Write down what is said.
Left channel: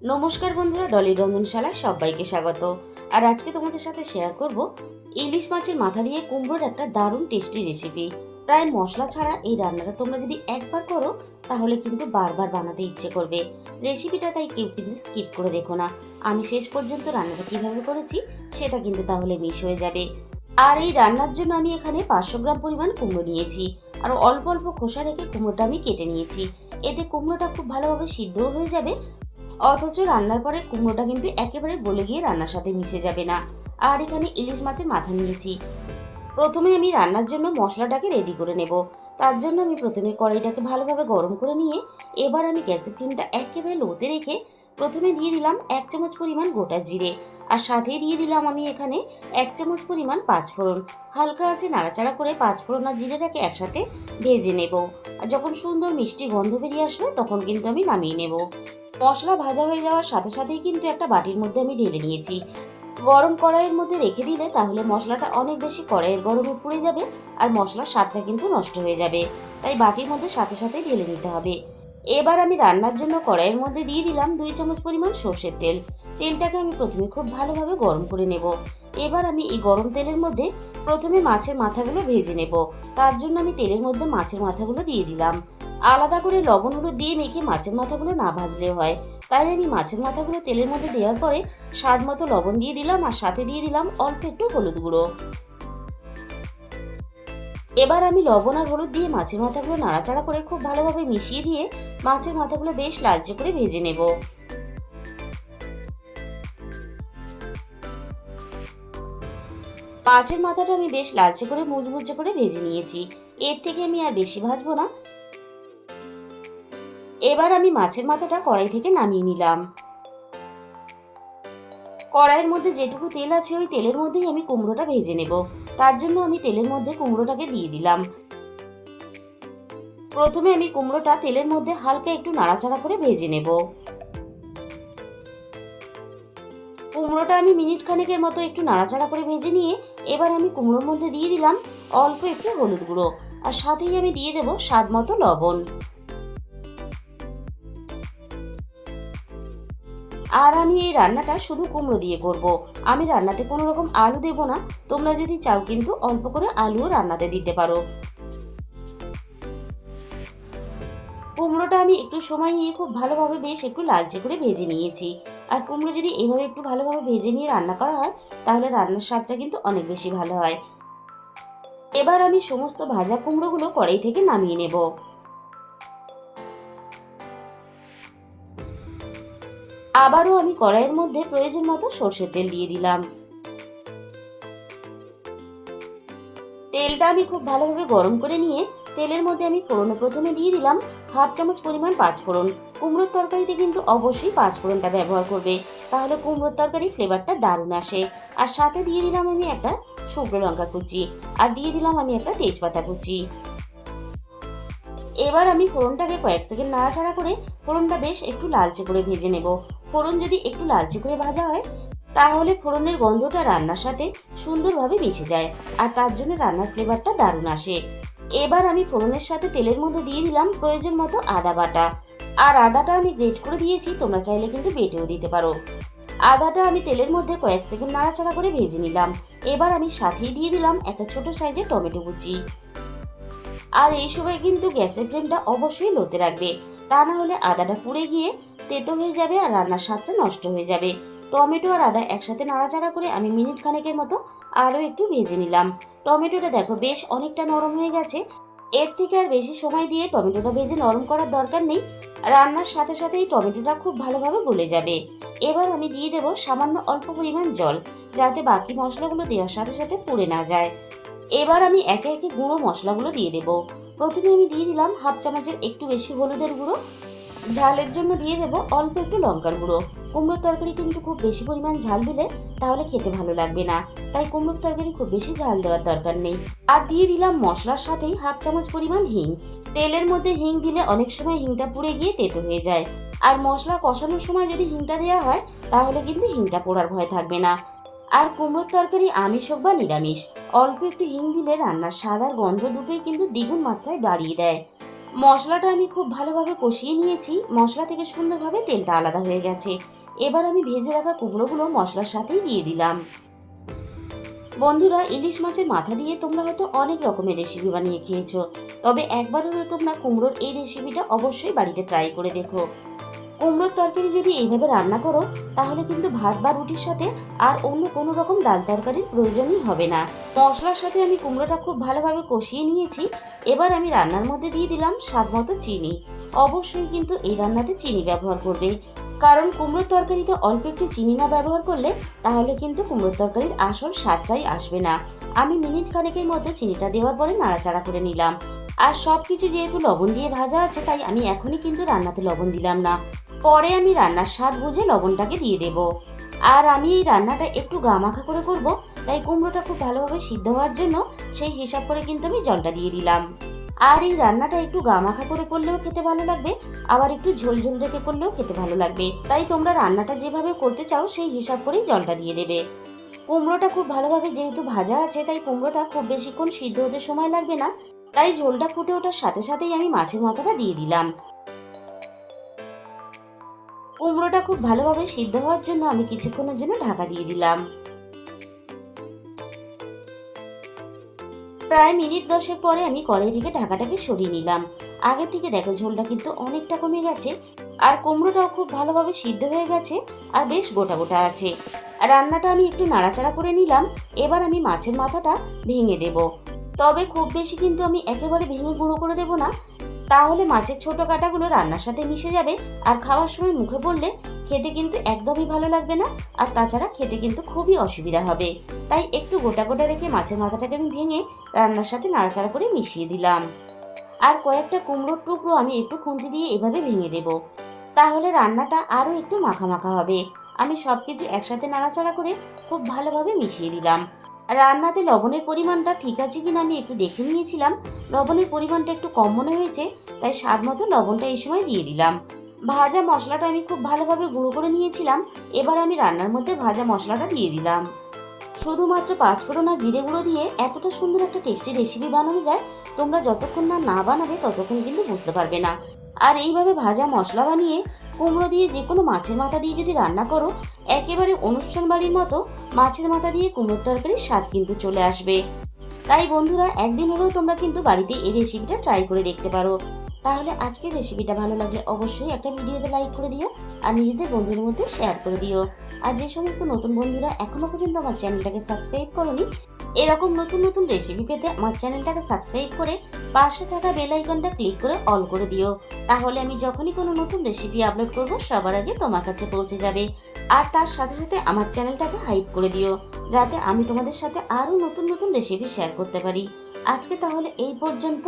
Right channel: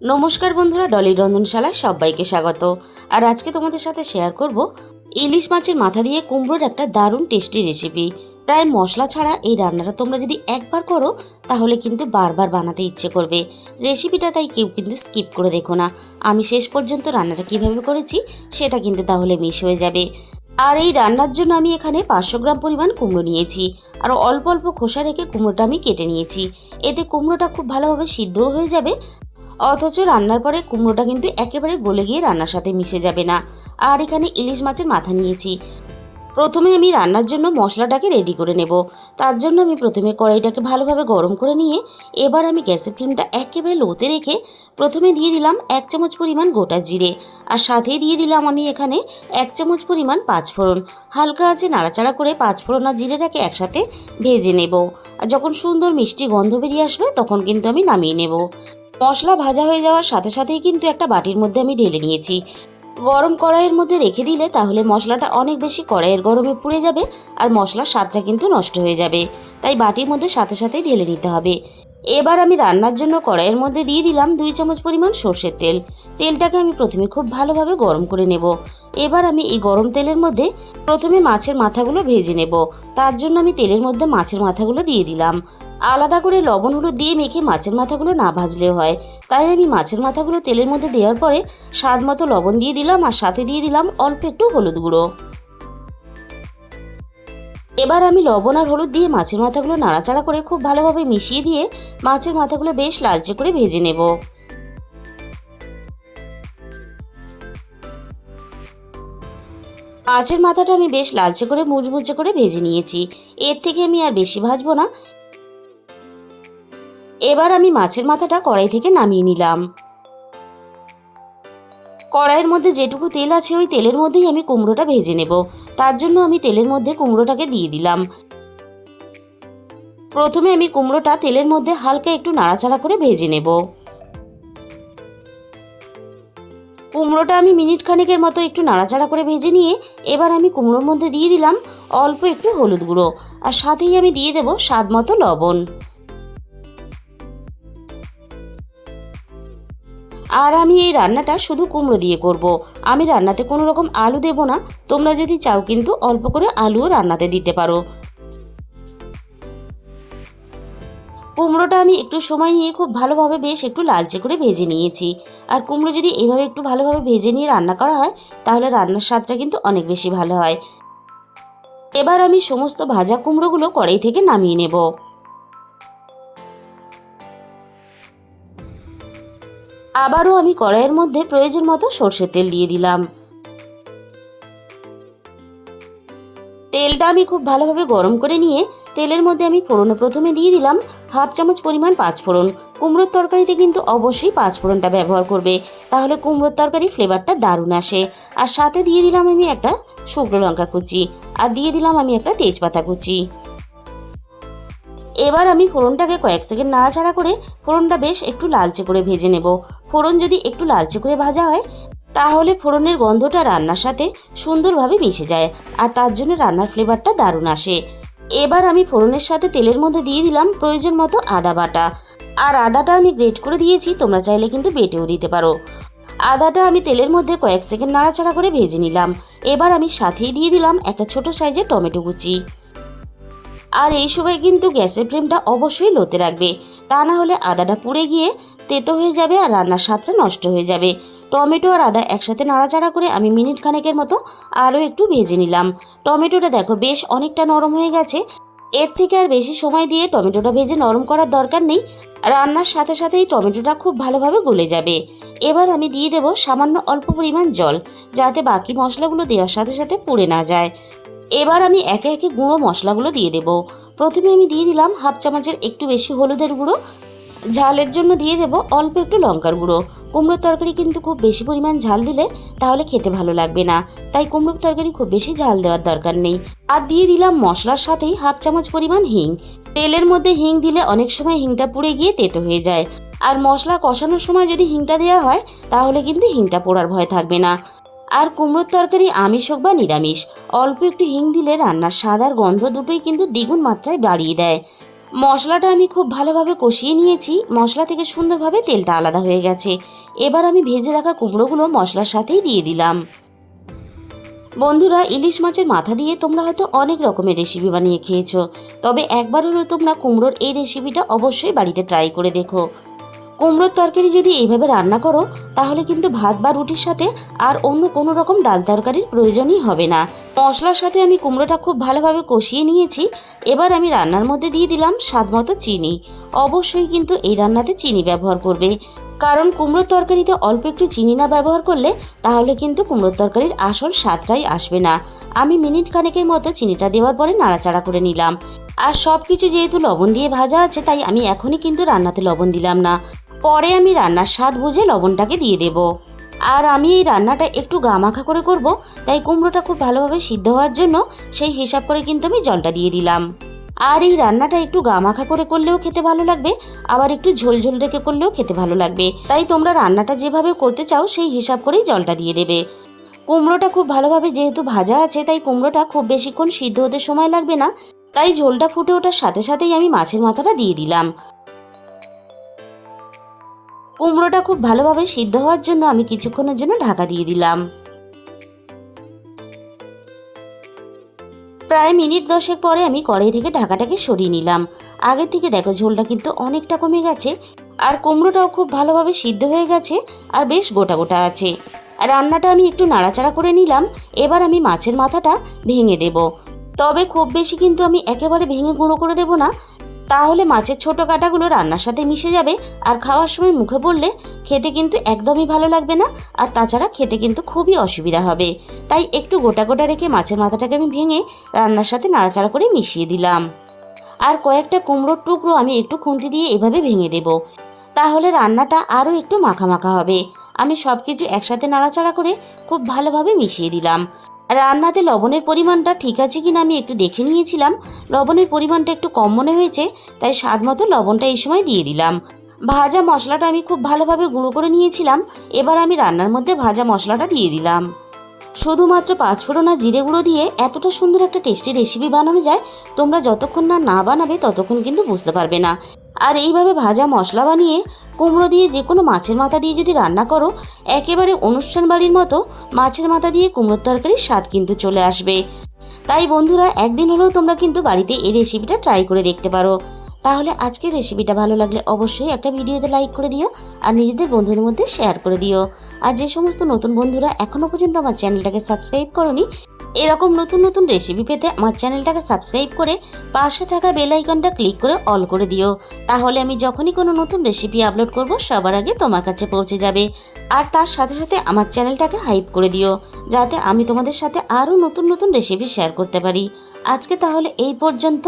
নমস্কার বন্ধুরা, ডলি রন্ধনশালায় সবাইকে স্বাগত। আর আজকে তোমাদের সাথে শেয়ার করব ইলিশ মাছের মাথা দিয়ে কুমড়োর একটা দারুণ টেস্টি রেসিপি। প্রায় মশলা ছাড়া এই রান্নাটা তোমরা যদি একবার করো তাহলে কিন্তু বারবার বানাতে ইচ্ছে করবে। রেসিপিটা তাই কেউ কিন্তু স্কিপ করে দেখো না। আমি শেষ পর্যন্ত রান্নাটা কিভাবে করেছি সেটা কিন্তু তাহলে মিস হয়ে যাবে। আর এই রান্নার জন্য আমি এখানে 500 গ্রাম পরিমাণ কুমড়ো নিয়েছি। আর অল্প অল্প খোসা রেখে কুমড়োটা আমি কেটে নিয়েছি। এতে কুমড়োটা খুব ভালোভাবে সিদ্ধও হয়ে যাবে, অথচ রান্নার পরে কুমড়োটা কিন্তু একেবারে গলে গিয়ে রান্নার সাথে মিশে যাবে না। আর এখানে ইলিশ মাছের মাথা নিয়েছি। প্রথমে আমি রান্নার জন্য মশলাটাকে রেডি করে নেব। তার জন্য আমি প্রথমে কড়াইটাকে ভালোভাবে গরম করে নিয়ে এবার আমি গ্যাসের ফ্লেমটা একেবারে লোতে রেখে প্রথমে দিয়ে দিলাম 1 চামচ পরিমাণ গোটা জিরে। আর সাথেই দিয়ে দিলাম আমি এখানে 1 চামচ পরিমাণ পাঁচফোড়ন। হালকা আছে নাড়াচাড়া করে পাঁচফোড়ন আর জিরেটাকে একসাথে ভেজে নেব। আর যখন সুন্দর মিষ্টি গন্ধ বেরিয়ে আসবে তখন কিন্তু আমি নামিয়ে নেব। মশলা ভাজা হয়ে যাওয়ার সাথে সাথেই কিন্তু একটা বাটির মধ্যে আমি ঢেলে নিয়েছি। গরম কড়াইয়ের মধ্যে রেখে দিলে তাহলে মশলাটা অনেক বেশি কড়াইয়ের গরমে পুড়ে যাবে আর মশলার স্বাদটা কিন্তু নষ্ট হয়ে যাবে। তাই বাটির মধ্যে সাথে সাথেই ঢেলে নিতে হবে। এবার আমি রান্নার জন্য কড়াইয়ের মধ্যে দিয়ে দিলাম 2 চামচ পরিমাণ সর্ষের তেল। তেলটাকে আমি প্রথমে খুব ভালোভাবে গরম করে নেব। এবার আমি এই গরম তেলের মধ্যে প্রথমে মাছের মাথাগুলো ভেজে নেব। তার জন্য আমি তেলের মধ্যে মাছের মাথাগুলো দিয়ে দিলাম। আলাদা করে লবণ হলুদ দিয়ে মেখে মাছের মাথাগুলো না ভাজলেও হয়, তাই আমি মাছের মাথাগুলো তেলের মধ্যে দেওয়ার পরে স্বাদ মতো লবণ দিয়ে দিলাম আর সাথে দিয়ে দিলাম অল্প একটু হলুদ গুঁড়ো। এবার আমি লবণ আর হলুদ দিয়ে মাছের মাথাগুলো নাড়াচাড়া করে খুব ভালোভাবে মিশিয়ে দিয়ে মাছের মাথাগুলো বেশ লালচে করে ভেজে নেব। মাছের মাথাটা আমি বেশ লালচে করে মুচমুচে করে ভেজে নিয়েছি। এর থেকে আমি আর বেশি ভাজবো না। এবার আমি মাছের মাথাটা কড়াই থেকে নামিয়ে নিলাম। কড়াইয়ের মধ্যে যেটুকু তেল আছে ওই তেলের মধ্যেই আমি কুমড়োটা ভেজে নেব। তার জন্য আমি তেলের মধ্যে কুমড়োটাকে দিয়ে দিলাম। প্রথমে আমি কুমড়োটা তেলের মধ্যে হালকা একটু নাড়াচাড়া করে ভেজে নেব। কুমড়োটা আমি মিনিট খানেকের মতো একটু নাড়াচাড়া করে ভেজে নিয়ে এবার আমি কুমড়োর মধ্যে দিয়ে দিলাম অল্প একটু হলুদ গুঁড়ো আর সাথেই আমি দিয়ে দেব স্বাদ মতো লবণ। আর আমি এই রান্নাটা শুধু কুমড়ো দিয়ে করব। আমি রান্নাতে কোনো রকম আলু দেব না। তোমরা যদি চাও কিন্তু অল্প করে আলুও রান্নাতে দিতে পারো। কুমড়োটা আমি একটু সময় নিয়ে খুব ভালোভাবে বেশ একটু লালচে করে ভেজে নিয়েছি। আর কুমড়ো যদি এইভাবে একটু ভালোভাবে ভেজে নিয়ে রান্না করা হয় তাহলে রান্নার স্বাদটা কিন্তু অনেক বেশি ভালো হয়। এবার আমি সমস্ত ভাজা কুমড়োগুলো কড়াই থেকে নামিয়ে নেব। আবারও আমি কড়াইয়ের মধ্যে প্রয়োজন মতো সর্ষের তেল দিয়ে দিলাম। তেলটা আমি খুব ভালোভাবে গরম করে নিয়ে তেলের মধ্যে আমি ফোড়নে প্রথমে দিয়ে দিলাম 1/2 চামচ পরিমাণ পাঁচফোড়ন। কুমড়োর তরকারিতে কিন্তু অবশ্যই পাঁচফোড়নটা ব্যবহার করবে, তাহলে কুমড়োর তরকারি ফ্লেভারটা দারুণ আসে। আর সাথে দিয়ে দিলাম আমি একটা শুকনো লঙ্কা কুচি আর দিয়ে দিলাম আমি একটা তেজপাতা কুচি। এবার আমি ফোড়নটাকে কয়েক সেকেন্ড নাড়াচাড়া করে ফোড়নটা বেশ একটু লালচে করে ভেজে নেব। ফোড়ন যদি একটু লালচে করে ভাজা হয় তাহলে ফোড়নের গন্ধটা রান্নার সাথে সুন্দরভাবে মিশে যায় আর তার জন্য রান্নার ফ্লেভারটা দারুণ আসে। এবার আমি ফোড়নের সাথে তেলের মধ্যে দিয়ে দিলাম প্রয়োজন মতো আদা বাটা। আর আদাটা আমি গ্রেট করে দিয়েছি, তোমরা চাইলে কিন্তু বেটেও দিতে পারো। আদাটা আমি তেলের মধ্যে কয়েক সেকেন্ড নাড়াচাড়া করে ভেজে নিলাম। এবার আমি সাথেই দিয়ে দিলাম একটা ছোট সাইজের টমেটো কুচি। আর এই সময় কিন্তু গ্যাসের ফ্লেমটা অবশ্যই লোতে রাখবে, তা না হলে আদাটা পুড়ে গিয়ে তেতো হয়ে যাবে আর রান্নার স্বাদটা নষ্ট হয়ে যাবে। টমেটো আর আদা একসাথে নাড়াচাড়া করে আমি মিনিট খানেকের মতো আরও একটু ভেজে নিলাম। টমেটোটা দেখো বেশ অনেকটা নরম হয়ে গেছে। এর থেকে আর বেশি সময় দিয়ে টমেটোটা ভেজে নরম করার দরকার নেই। রান্নার সাথে সাথেই টমেটোটা খুব ভালোভাবে গলে যাবে। এবার আমি দিয়ে দেব সামান্য অল্প পরিমাণ জল, যাতে বাকি মশলাগুলো দেওয়ার সাথে সাথে পুড়ে না যায়। এবার আমি একে একে গুঁড়ো মশলাগুলো দিয়ে দেব। প্রথমে আমি দিয়ে দিলাম 1/2 চামচের একটু বেশি হলুদের গুঁড়ো। ঝালের জন্য দিয়ে দেব অল্প একটু লঙ্কার গুঁড়ো। কুমড়োর তরকারি কিন্তু খুব বেশি পরিমাণ ঝাল দিলে তাহলে খেতে ভালো লাগবে না, তাই কুমড়োর তরকারি খুব বেশি ঝাল দেওয়ার দরকার নেই। আর দিয়ে দিলাম মশলার সাথেই 1/2 চামচ পরিমাণ হিং। তেলের মধ্যে হিং দিলে অনেক সময় হিংটা পুড়ে গিয়ে তেতো হয়ে যায়, আর মশলা কষানোর সময় যদি হিংটা দেওয়া হয় তাহলে কিন্তু হিংটা পোড়ার ভয় থাকবে না। আর কুমড়োর তরকারি আমিষ হোক বা নিরামিষ, অল্প একটু হিং দিলে রান্নার স্বাদ আর গন্ধ দুটোই কিন্তু দ্বিগুণ মাত্রায় বাড়িয়ে দেয়। মশলাটা আমি খুব ভালোভাবে কষিয়ে নিয়েছি, মশলা থেকে সুন্দরভাবে তেলটা আলাদা হয়ে গেছে। এবার আমি ভেজে রাখা কুমড়োগুলো মশলার সাথেই দিয়ে দিলাম। বন্ধুরা, ইলিশ মাছের মাথা দিয়ে তোমরা হয়তো অনেক রকমের রেসিপি বানিয়ে খেয়েছো, তবে একবার হলেও তোমরা কুমড়োর এই রেসিপিটা অবশ্যই বাড়িতে ট্রাই করে দেখো। কুমড়োর তরকারি যদি এইভাবে রান্না করো তাহলে কিন্তু ভাত বা রুটির সাথে আর অন্য কোনো রকম ডাল তরকারির প্রয়োজনই হবে না। মশলার সাথে আমি কুমড়োটা খুব ভালোভাবে কষিয়ে নিয়েছি। এবার আমি রান্নার মধ্যে দিয়ে দিলাম স্বাদ মতো চিনি। অবশ্যই কিন্তু এই রান্নাতে চিনি ব্যবহার করবে, কারণ কুমড়োর তরকারিতে অল্প একটু চিনি না ব্যবহার করলে তাহলে কিন্তু কুমড়োর তরকারির আসল স্বাদটাই আসবে না। আমি মিনিট খানেকের মতো চিনিটা দেওয়ার পরে নাড়াচাড়া করে নিলাম। আর সব কিছু যেহেতু লবণ দিয়ে ভাজা আছে, তাই আমি এখনই কিন্তু রান্নাতে লবণ দিলাম না, পরে আমি রান্নার স্বাদ বুঝে লবণটাকে দিয়ে দেব। আর আমি এই রান্নাটা একটু গামাখা করে করব, তাই কুমড়োটা খুব ভালোভাবে সিদ্ধ হওয়ার জন্য সেই হিসাব করে কিন্তু আমি জলটা দিয়ে দিলাম। আর এই রান্নাটা একটু গামাখা করে করলেও খেতে ভালো লাগবে, আবার একটু ঝোল ঝোল রেখে করলেও খেতে ভালো লাগবে। তাই তোমরা রান্নাটা যেভাবে করতে চাও সেই হিসাব করেই জলটা দিয়ে দেবে। কুমড়োটা খুব ভালোভাবে যেহেতু ভাজা আছে, তাই কুমড়োটা খুব বেশিক্ষণ সিদ্ধ হতে সময় লাগবে না। তাই ঝোলটা ফুটে ওঠার সাথে সাথেই আমি মাছের মাথাটা দিয়ে দিলাম। কুমড়োটা খুব ভালোভাবে সিদ্ধ হওয়ার জন্য আমি কিছুক্ষণের জন্য ঢাকা দিয়ে দিলাম। প্রায় মিনিট 10 পরে আমি কড়াই থেকে ঢাকাটাকে সরিয়ে নিলাম। আগের থেকে দেখো ঝোলটা কিন্তু অনেকটা কমে গেছে, আর কুমড়োটাও খুব ভালোভাবে সিদ্ধ হয়ে গেছে, আর বেশ গোটা গোটা আছে। রান্নাটা আমি একটু নাড়াচাড়া করে নিলাম। এবার আমি মাছের মাথাটা ভেঙে দেব, তবে খুব বেশি কিন্তু আমি একেবারে ভেঙে গুঁড়ো করে দেব না, তাহলে মাছের ছোট কাঁটাগুলো রান্নার সাথে মিশে যাবে, আর খাওয়ার সময় মুখে পড়লে খেতে কিন্তু একদমই ভালো লাগবে না, আর তাছাড়া খেতে কিন্তু খুবই অসুবিধা হবে। তাই একটু গোটা গোটা রেখে মাছের মাথাটাকে আমি ভেঙে রান্নার সাথে নাড়াচাড়া করে মিশিয়ে দিলাম। আর কয়েকটা কুমড়োর টুকরো আমি একটু খুন্তি দিয়ে এভাবে ভেঙে দেব, তাহলে রান্নাটা আরও একটু মাখা মাখা হবে। আমি সব কিছু একসাথে নাড়াচাড়া করে খুব ভালোভাবে মিশিয়ে দিলাম। রান্নাতে লবণের পরিমাণটা ঠিক আছে কিনা আমি একটু দেখে নিয়েছিলাম। লবণের পরিমাণটা একটু কম মনে হয়েছে, তাই স্বাদ মতো লবণটা এই সময় দিয়ে দিলাম। ভাজা মশলাটা আমি খুব ভালোভাবে গুঁড়ো করে নিয়েছিলাম। এবার আমি রান্নার মধ্যে ভাজা মশলাটা দিয়ে দিলাম। শুধুমাত্র পাঁচফোড়ন আর জিরে গুঁড়ো দিয়ে এতটা সুন্দর একটা টেস্টি রেসিপি বানানো যায়, তোমরা যতক্ষণ না না বানাবে ততক্ষণ কিন্তু বুঝতে পারবে না। আর এইভাবে ভাজা মশলা বানিয়ে কুমড়ো দিয়ে যে কোনো মাছের মাথা দিয়ে যদি রান্না করো, একেবারে অনুষ্ঠান বাড়ির মতো মাছের মাথা দিয়ে কুমড়োর তরকারির স্বাদ কিন্তু চলে আসবে। তাই বন্ধুরা, একদিন হলেও তোমরা কিন্তু বাড়িতে এই রেসিপিটা ট্রাই করে দেখতে পারো। তাহলে আজকের রেসিপিটা ভালো লাগলে অবশ্যই একটা ভিডিওতে লাইক করে দিও, আর নিজেদের বন্ধুদের মধ্যে শেয়ার করে দিও। আর যে সমস্ত নতুন বন্ধুরা এখনো পর্যন্ত আমার চ্যানেলটাকে সাবস্ক্রাইব করোনি, এরকম নতুন নতুন রেসিপি পেতে আমার চ্যানেলটাকে সাবস্ক্রাইব করে পাশে থাকা বেল আইকনটা ক্লিক করে অল করে দিও। তাহলে আমি যখনই কোনো নতুন রেসিপি আপলোড করব সবার আগে তোমার কাছে পৌঁছে যাবে। আর তার সাথে সাথে আমার চ্যানেলটাকে হাইপ করে দিও, যাতে আমি তোমাদের সাথে আরও নতুন নতুন রেসিপি শেয়ার করতে পারি। আজকে তাহলে এই পর্যন্ত।